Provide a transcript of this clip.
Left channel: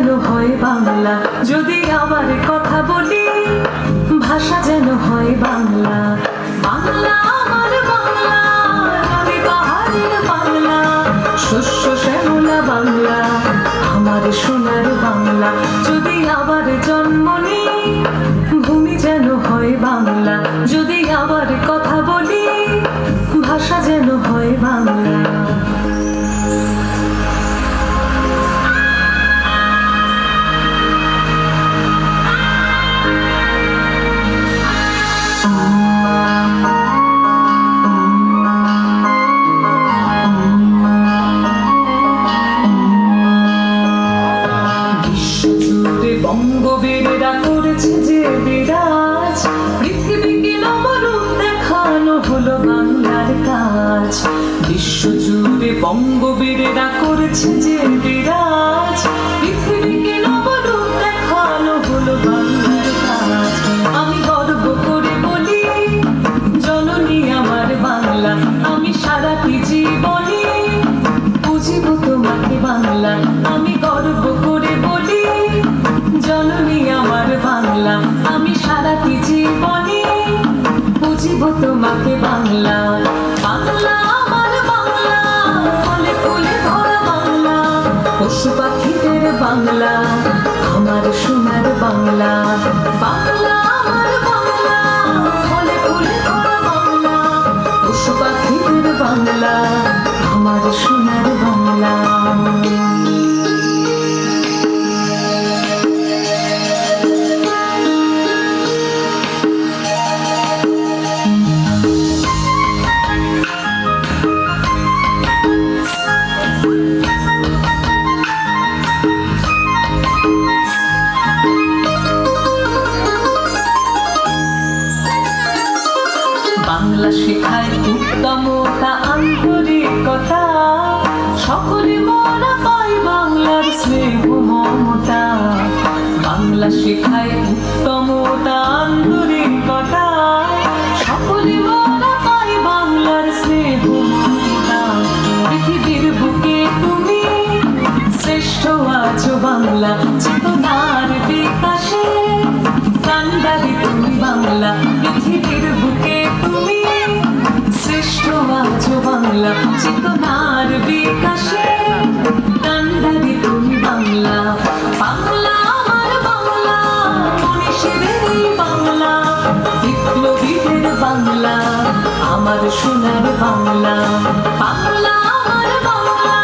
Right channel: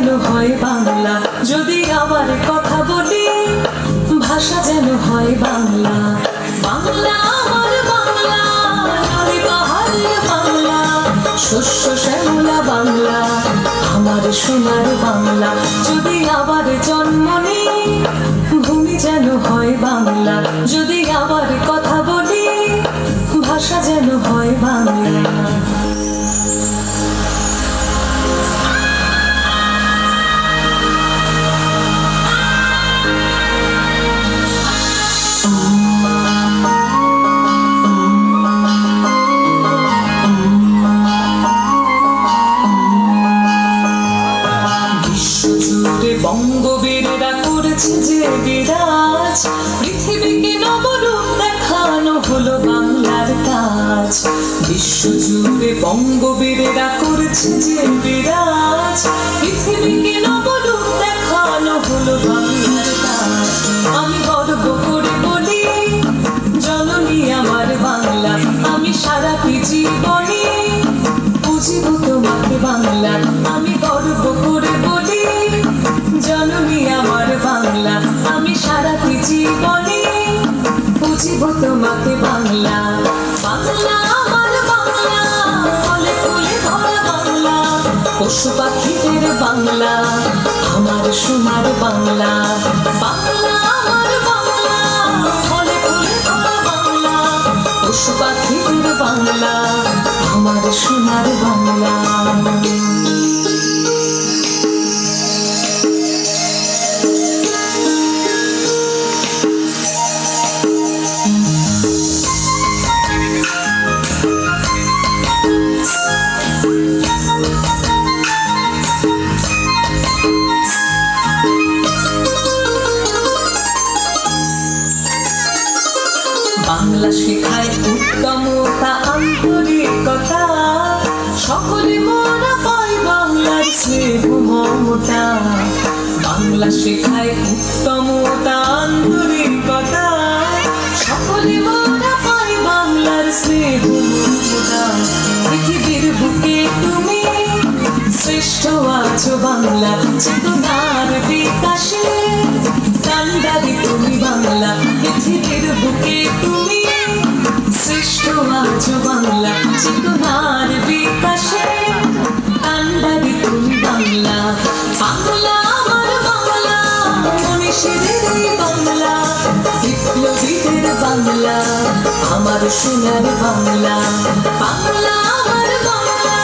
যেন হয় বাংলা, যদি আবার কথা বলি ভাষা যেন হয় বাংলা। বাংলা আমার বাংলা, নদী পাহাড়ের বাংলা, শস্য শ্যামলা বাংলা, আমার সোনার বাংলা। যদি আবার জন্ম নিই ভূমি যেন হয় বাংলা, যদি আবার কথা বলি ভাষা যেন হয় বাংলা। বঙ্গবীরেরা করেছে যে বিরাজ, পৃথিবীকে নবরূপ দেখানো হলো বাংলার কাজ। বিশ্বজুড়ে বঙ্গবীরেরা করেছে যে বিরাজ, পৃথিবীকে নবরূপ দেখানো হলো বাংলার কাজ। আমি গর্ব করে বলি জননী আমার বাংলা, আমি সারাটি জীবনে বুঝিব তোমাকে বাংলা। আমি গর্ব করে বলি জননী আমার বাংলা, আমি সারাটি জীবনে বুঝিব তোমাকে বাংলা। বাংলা আমার বাংলা, ফলে ফুলে ভরা বাংলা, পশু পাখিদের বাংলা, আমার সোনার বাংলা। বাংলা আমার বাংলা, ফলে ফুলে ভরা বাংলা, পশু পাখিদের বাংলা, আমার সোনার বাংলা। বাংলা শেখায় উত্তমতা আন্তরিকতা, সকলে মোরা পাই বাংলার স্নেহ মমতা। বাংলা শেখায় উত্তমতা আন্তরিকতা, সকলে মোরা পাই বাংলার স্নেহ মমতা। পৃথিবীর বুকে তুমি শ্রেষ্ঠ আছো বাংলা, চেতনার বিকাশে কান্ডারি তুমি বাংলা। পৃথিবীর বুকে তুমি শ্রেষ্ঠ আছো বাংলা, চেতনার বিকাশে কান্ডারি তুমি বাংলা। বাংলা আমার বাংলা, মনীষীদের বাংলা, বিপ্লবীদের বাংলা, আমার সোনার বাংলা। বাংলা আমার বাংলা,